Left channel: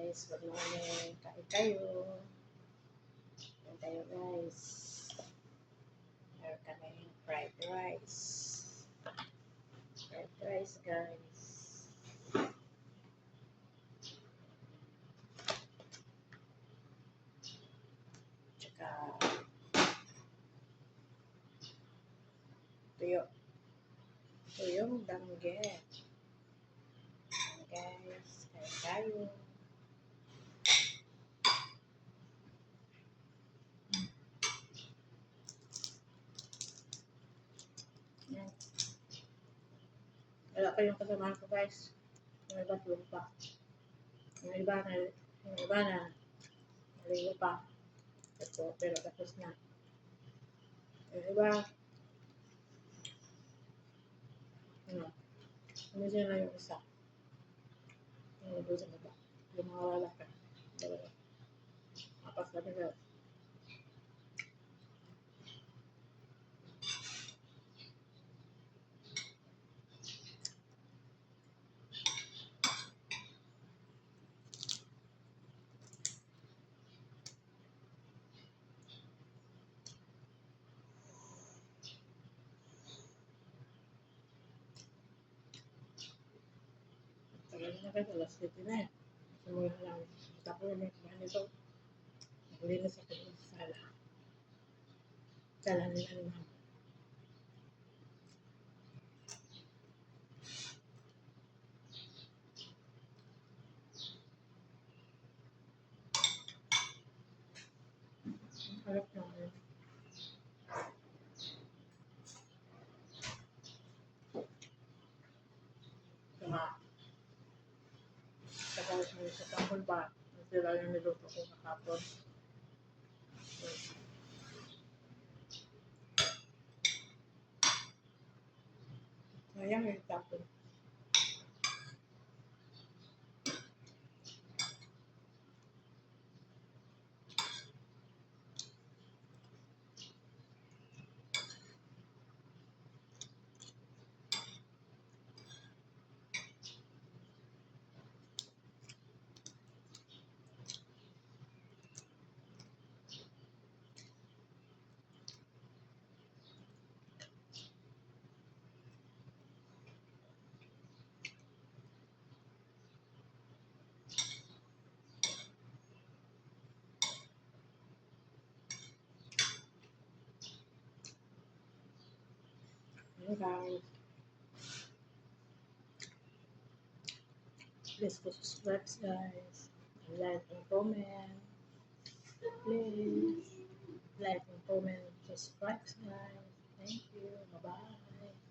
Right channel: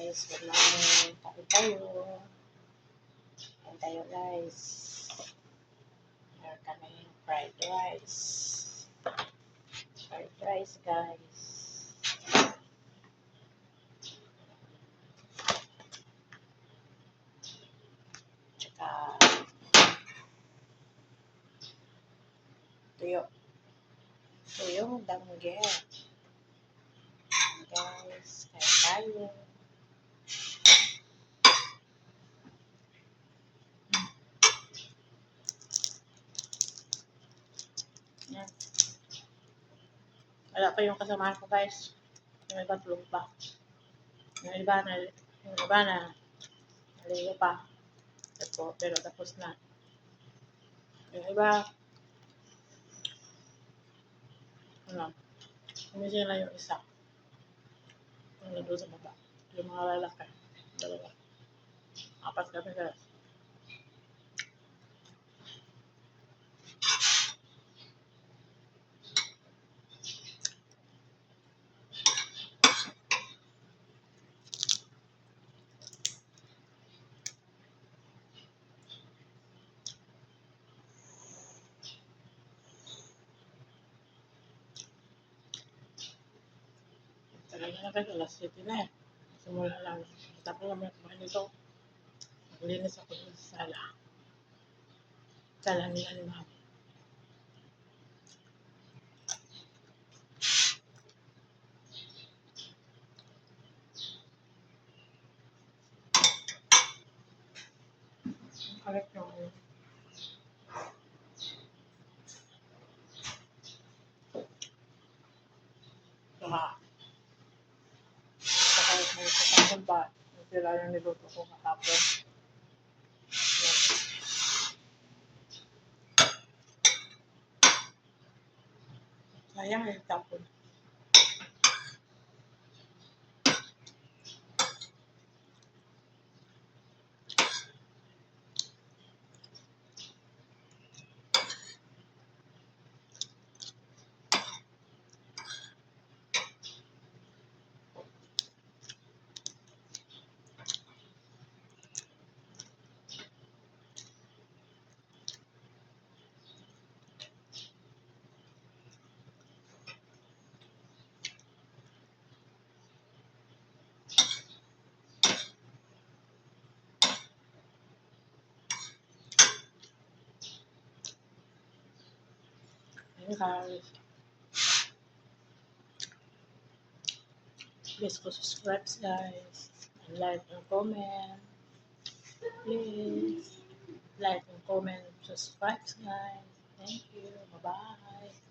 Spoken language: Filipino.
guys, good morning. Kain tayo. Kain tayo guys. Meron kami fried rice. Fried rice guys. Tsaka tuyo. Tuyong danggit. Guys, kain tayo. Yan. Wala pa yung kasamahan ko guys. Yung iba tulog pa. Yung iba na naligo pa. Pero tapos na. Yung iba umising na yung isa. Yung nandun sa baba. Yung mga lalaki. Dalawa. Apat kami guys. Tagal na guys, alas 7 na eh. Simula lang. Tapos naman kumain nito. Naglinis ako sa sala. Sala nila ni mama. Kalit yung saka may kapangkol ba? Sila yung niluto ko kahapon. Sayang yung tapon. Ayun guys. Please go subscribe guys. And like and comment. Please like and comment. Subscribe guys. Thank you. Bye bye.